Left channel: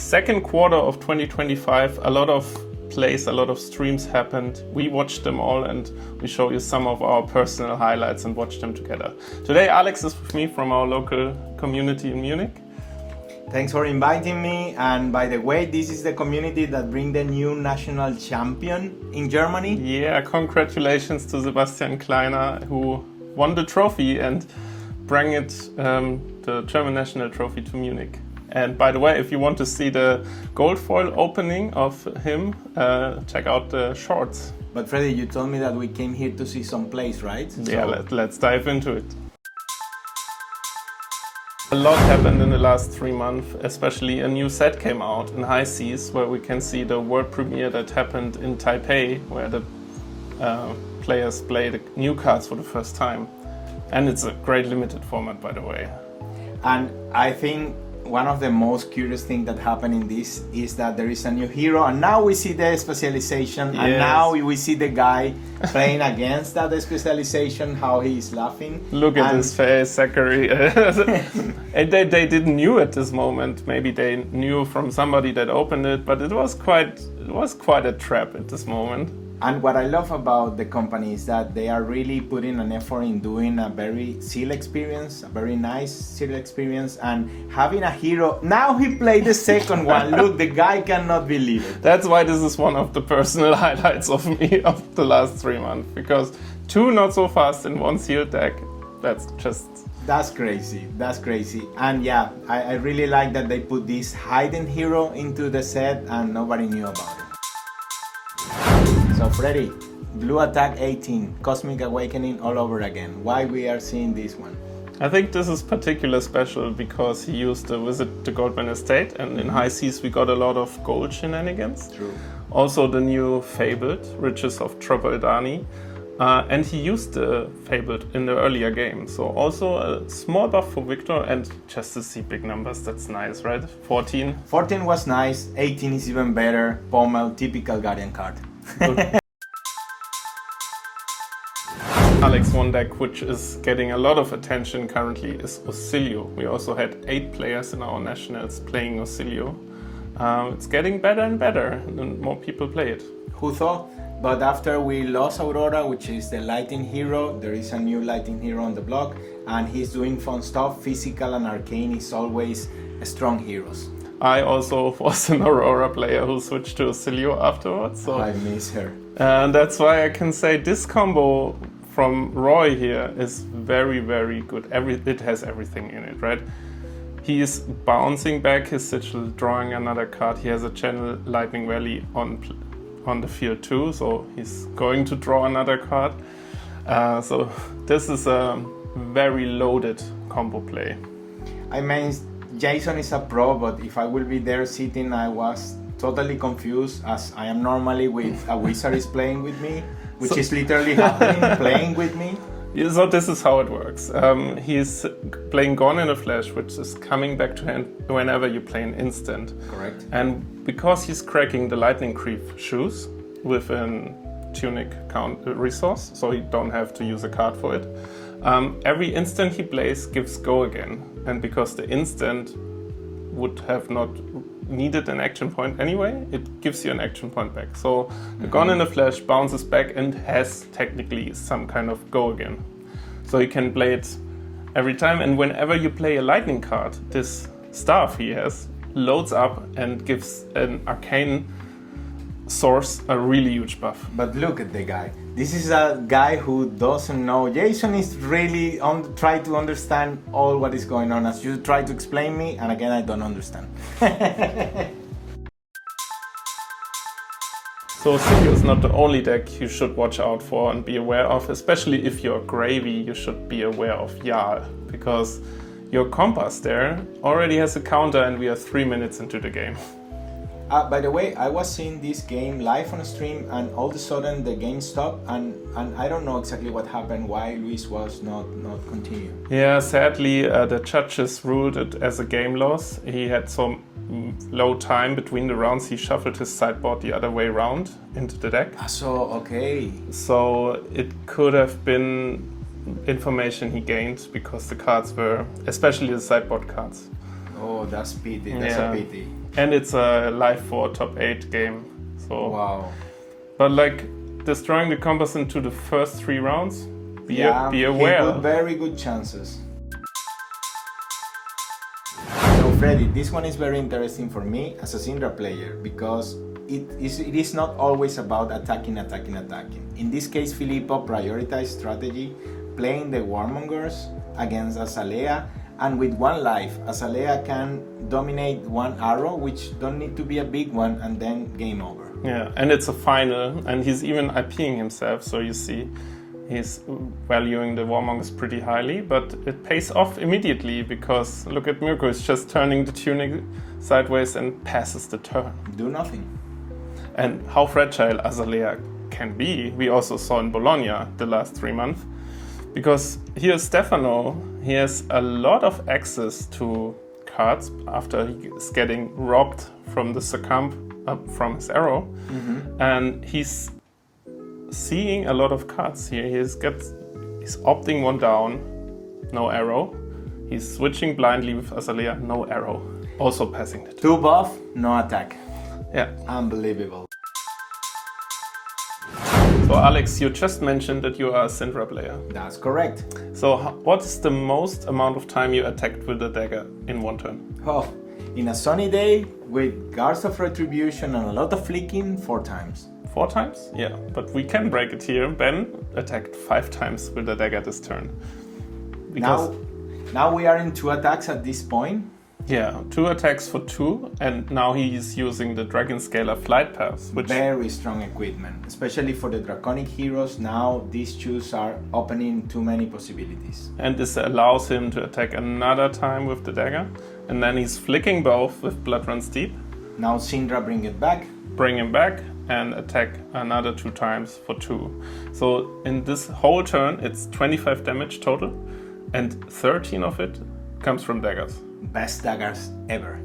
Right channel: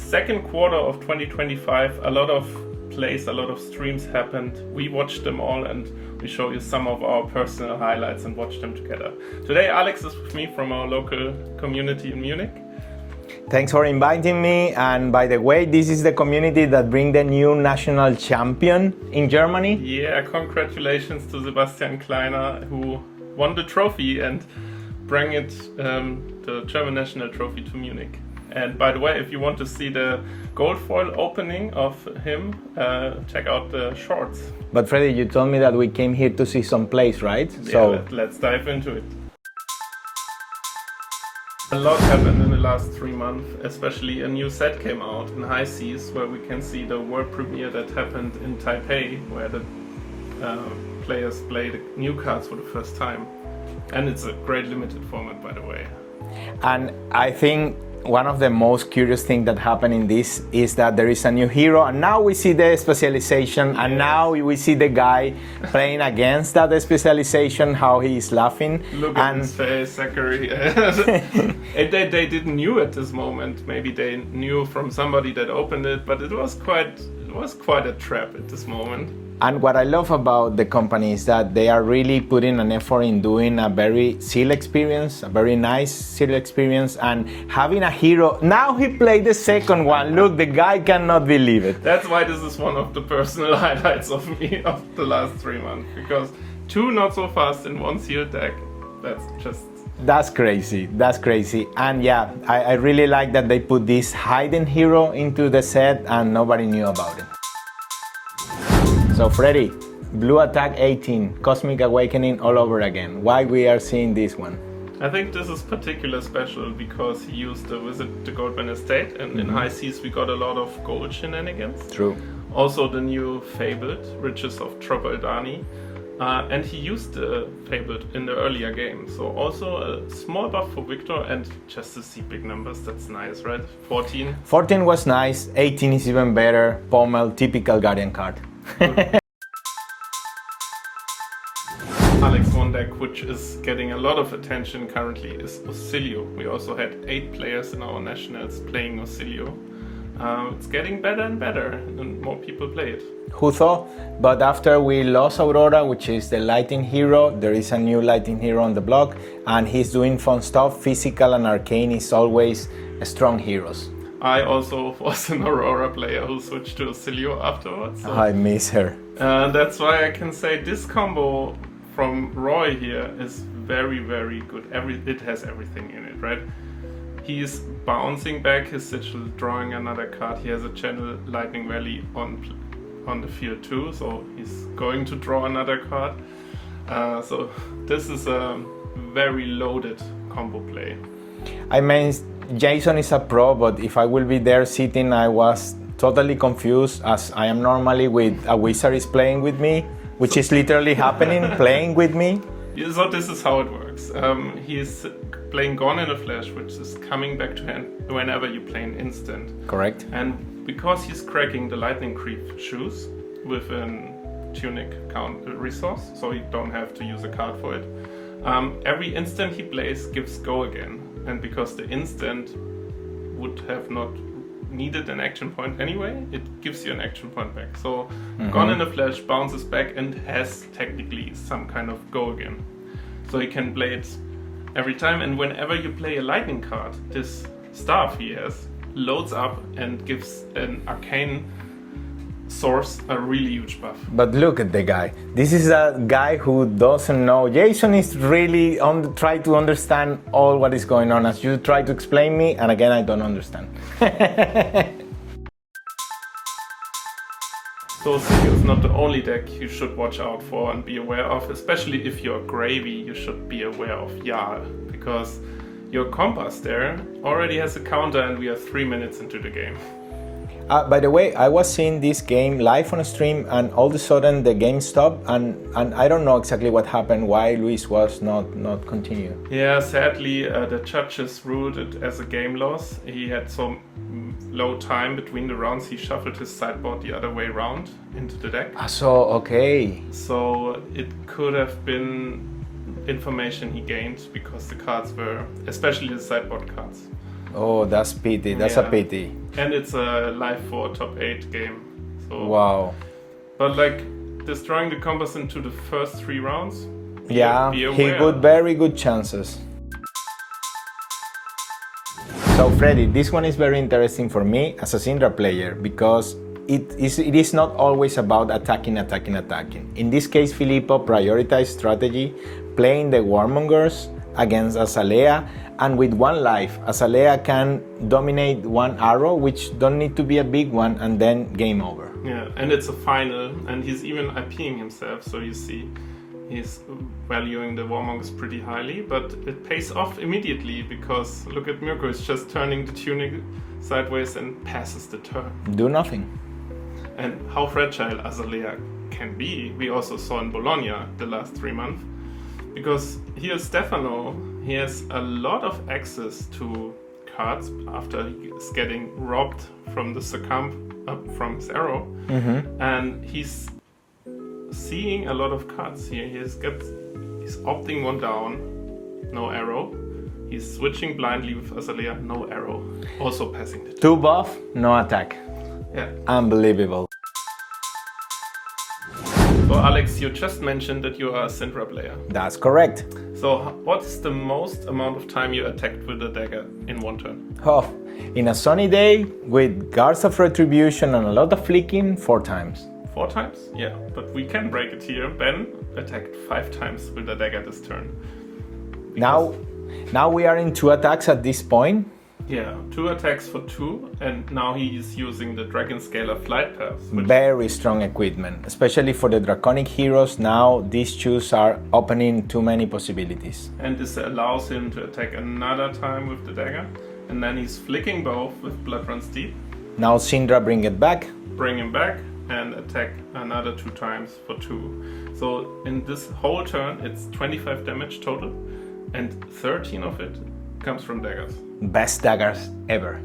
second quarter of 2025, a lot of plays, a lot of streams happened. We watched them all and we show you some of our personal highlights and watched them together. Today Alex is with me from our local community in Munich. Thanks for inviting me, and by the way, this is the community that bring the new national champion in Germany. Yeah, congratulations to Sebastian Kleiner, who won the trophy and bring it, the German national trophy, to Munich. And by the way, if you want to see the gold foil opening of him, check out the shorts. But Freddy, you told me that we came here to see some plays, right? Yeah, let's dive into it. A lot happened in the last 3 months, especially a new set came out in High Seas, where we can see the world premiere that happened in Taipei, where the players played new cards for the first time. And it's a great limited format, by the way. And I think one of the most curious things that happened in this is that there is a new hero, and now we see the specialization, and now we see the guy playing against that specialization, how he is laughing. Look at his face, Zachary. And they didn't knew at this moment. Maybe they knew from somebody that opened it, but it was quite a trap at this moment. And what I love about the company is that they are really putting an effort in doing a very seal experience, a very nice seal experience, and having a hero. Now he played the second one. Look, the guy cannot believe it. That's why this is one of the personal highlights of me of the last 3 months, because 2 not so fast in 1 sealed deck. That's crazy. That's crazy. And yeah, I really like that they put this hidden hero into the set and nobody knew about it. So Freddy, Blue Attack 18, Cosmic Awakening all over again. Why we are seeing this one? I think this is particularly special because he used to visit the Goldman Estate, and in High Seas we got a lot of gold shenanigans. True. Also the new Fabled, Riches of Trobaldani. And he used the Fabled in the earlier game. So also a small buff for Victor, and just to see big numbers, that's nice, right? 14. 14 was nice, 18 is even better. Pommel, typical Guardian card. Alex, one deck which is getting a lot of attention currently is Auxilio. We also had 8 players in our nationals playing Auxilio. It's getting better and better, and more people play it. Who thought? But after we lost Aurora, which is the lighting hero, there is a new lighting hero on the block, and he's doing fun stuff. Physical and arcane is always strong heroes. I also was an Aurora player who switched to Auxilio afterwards. So. I miss her. And that's why I can say this combo from Roy here is very, very good. It has everything in it, right? He is bouncing back his sigil, drawing another card. He has a channel Lightning Valley on the field too, so he's going to draw another card. So this is a very loaded combo play. I mean, Jason is a pro, but if I will be there sitting, I was totally confused, as I am normally with a wizard is playing with me, which is literally happening, playing with me. So this is how it works. He's playing Gone in a Flash, which is coming back to hand whenever you play an instant. Correct. And because he's cracking the Lightning Creep shoes with a tunic count resource, so you don't have to use a card for it, every instant he plays gives go again. And because the instant would have not needed an action point anyway, it gives you an action point back. So the Gone in a Flash bounces back and has technically some kind of go again. So you can play it every time, and whenever you play a lightning card, this staff he has loads up and gives an arcane source a really huge buff. But look at the guy. This is a guy who doesn't know. Jason is really try to understand all what is going on, as you try to explain me, and again I don't understand. So Auxilio is not the only deck you should watch out for and be aware of, especially if you're Gravy. You should be aware of Jarl, because your Compass there already has a counter and we are 3 minutes into the game. By the way, I was seeing this game live on a stream, and all of a sudden the game stopped, and I don't know exactly what happened, why Luis was not continuing. Yeah, sadly the judges ruled it as a game loss. He had some low time between the rounds. He shuffled his sideboard the other way around into the deck. Okay. So it could have been information he gained because the cards were, especially the sideboard cards. Oh, that's pity. That's a pity. And it's a live 4 top 8 game. So, Wow. but like destroying the compass into the first 3 rounds, be He aware. got very good chances. So Freddy, this one is very interesting for me as a Syndra player because it is not always about attacking. In this case, Filippo prioritized strategy, playing the Warmongers against Azalea, and with 1 life, Azalea can dominate 1 arrow, which don't need to be a big one, and then game over. Yeah, and it's a final, and he's even IPing himself, so you see he's valuing the Warmongers pretty highly, but it pays off immediately because look at Mirko, he's just turning the tunic sideways and passes the turn. Do nothing. And how fragile Azalea can be, we also saw in Bologna the last 3 months. Because here's Stefano, he has a lot of access to cards after he's getting robbed from the succumb from his arrow. And he's seeing a lot of cards here. He's opting 1 down, no arrow. He's switching blindly with Azalea, no arrow. Also passing the turn. 2 buff, no attack. Yeah. Unbelievable. So Alex, you just mentioned that you are a Syndra player. That's correct. So what's the most amount of time you attacked with a dagger in 1 turn? Oh, in a sunny day with Guards of Retribution and a lot of flicking, 4 times. 4 times? Yeah, but we can break it here. Ben attacked 5 times with a dagger this turn. Now we are in 2 attacks at this point. Yeah, 2 attacks for 2, and now he is using the Dragon Scalar Flight Path. Which Very strong equipment, especially for the Draconic heroes. Now these shoes are opening too many possibilities. And this allows him to attack another time with the dagger. And then he's flicking both with Blood Runs Deep. Now Syndra bring it back. Bring him back and attack another 2 times for 2. So in this whole turn, it's 25 damage total, and 13 of it comes from daggers. Best daggers ever.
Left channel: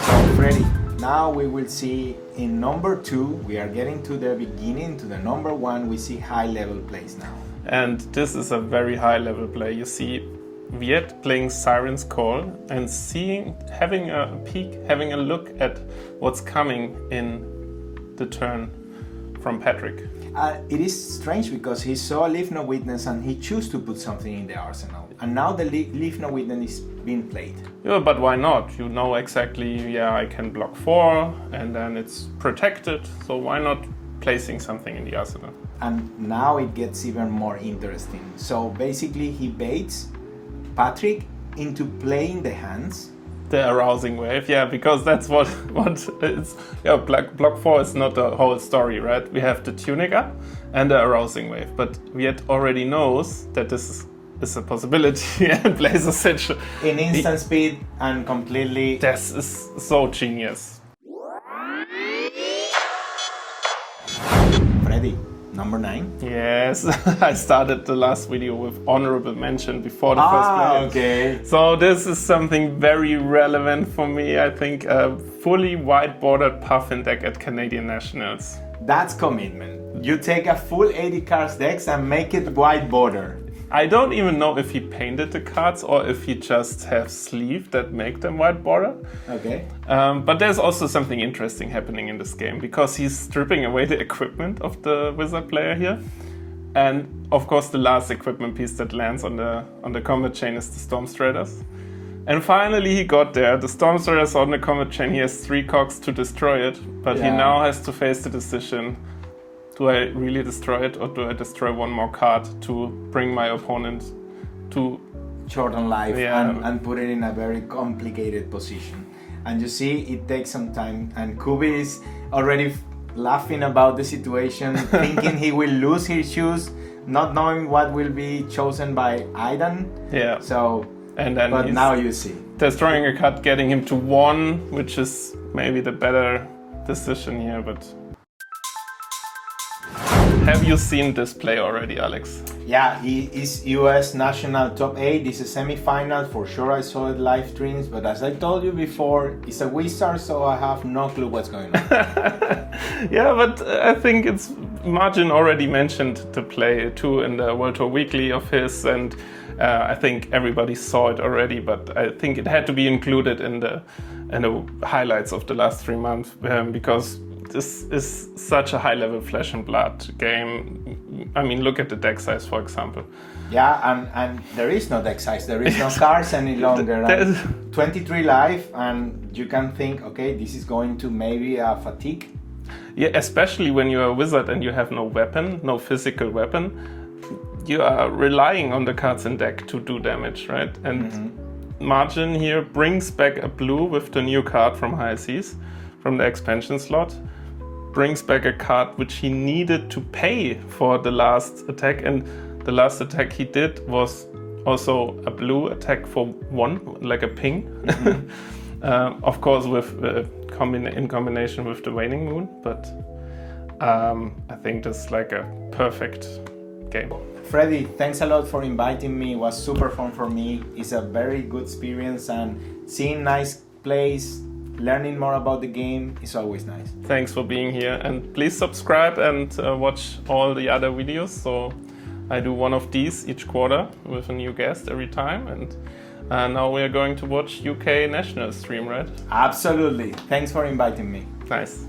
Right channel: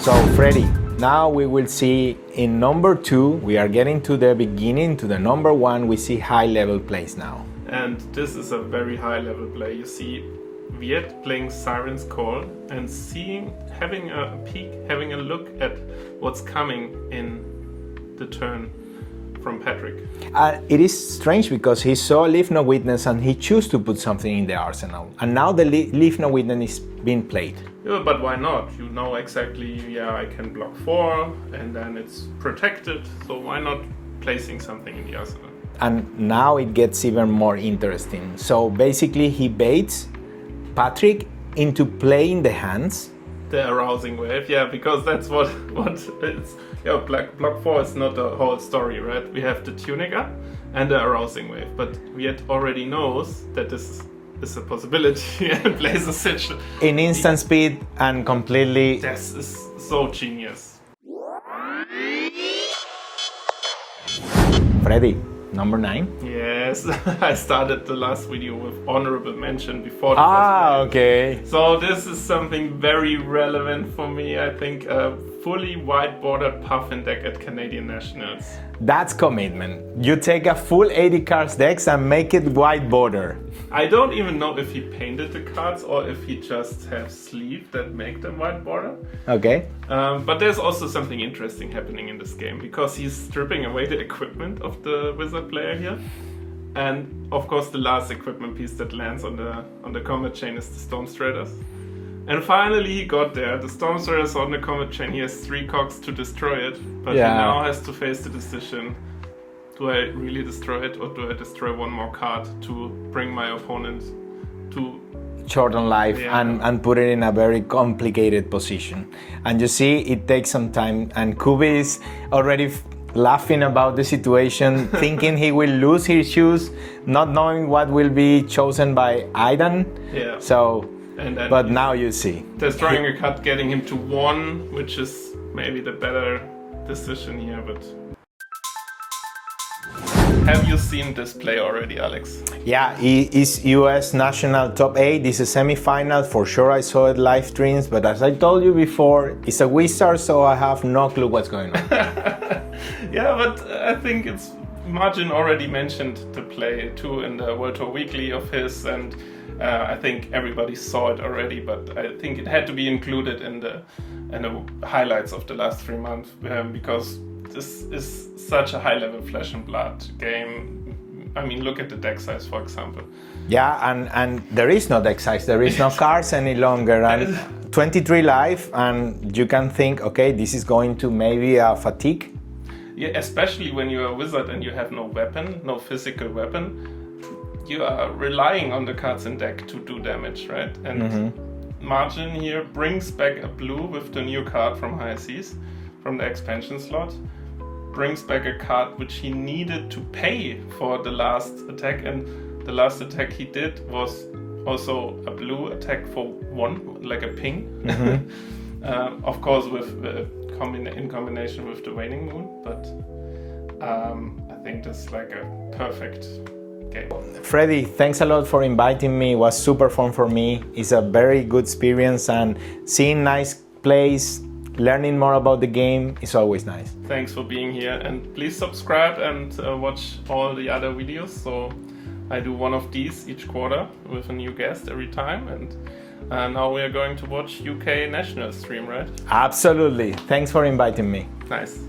So Freddy, now we will see in number 2, we are getting to the beginning, to the number 1, we see high level plays now. And this is a very high level play. You see Viet playing Siren's Call and having a peek, having a look at what's coming in the turn from Patrick. It is strange because he saw Leave No Witness and he chose to put something in the arsenal. And now the Leave No Witness is being played. Yeah, but why not? You know exactly, yeah, I can block 4 and then it's protected. So why not placing something in the arsenal? And now it gets even more interesting. So basically he baits Patrick into playing the hands. The arousing wave, yeah, because that's what it's. Yeah, block 4 is not the whole story, right? We have the tunic up and the arousing wave, but Viet already knows that this is a possibility and plays a set in instant speed and completely. This is so genius. Freddy, number 9. Yes, I started the last video with honorable mention before the first player. Okay. So this is something very relevant for me. I think a fully white-bordered Puffin deck at Canadian Nationals. That's commitment. You take a full 80 cards decks and make it white border. I don't even know if he painted the cards or if he just has sleeves that make them white border. Okay. But there's also something interesting happening in this game because he's stripping away the equipment of the wizard player here. And of course the last equipment piece that lands on the combat chain is the Storm Striders. And finally he got there. The Storm Striders on the combat chain, he has 3 cogs to destroy it. But he now has to face the decision, do I really destroy it or do I destroy 1 more card to bring my opponent to shorten life and put it in a very complicated position. And you see it takes some time and Kubi is already laughing about the situation, thinking he will lose his shoes, not knowing what will be chosen by Aidan. Yeah. So, and then but now you see. Destroying a card, getting him to 1, which is maybe the better decision here, but... Have you seen this play already, Alex? Yeah, it is US National Top 8. This is a semi-final. For sure I saw it live streams, but as I told you before, it's a wizard, so I have no clue what's going on. Yeah, but I think it's Margin already mentioned the play too in the World Tour Weekly of his, and I think everybody saw it already, but I think it had to be included in the highlights of the last 3 months because this is such a high-level Flesh and Blood game. I mean, look at the deck size, for example. Yeah, and there is no deck size, there is no cards any longer. And 23 life, and you can think, okay, this is going to maybe a fatigue. Yeah, especially when you're a wizard and you have no weapon, no physical weapon, you are relying on the cards in deck to do damage, right? And Margin here brings back a blue with the new card from High Seas, from the expansion slot. Brings back a card which he needed to pay for the last attack, and the last attack he did was also a blue attack for 1, like a ping. Of course, with in combination with the Waning Moon, but I think that's like a perfect game. Freddy, thanks a lot for inviting me. It was super fun for me. It's a very good experience, and seeing nice plays, learning more about the game is always nice. Thanks for being here, and please subscribe and watch all the other videos. So I do one of these each quarter with a new guest every time, and now we are going to watch UK National stream, right? Absolutely. Thanks for inviting me. Nice.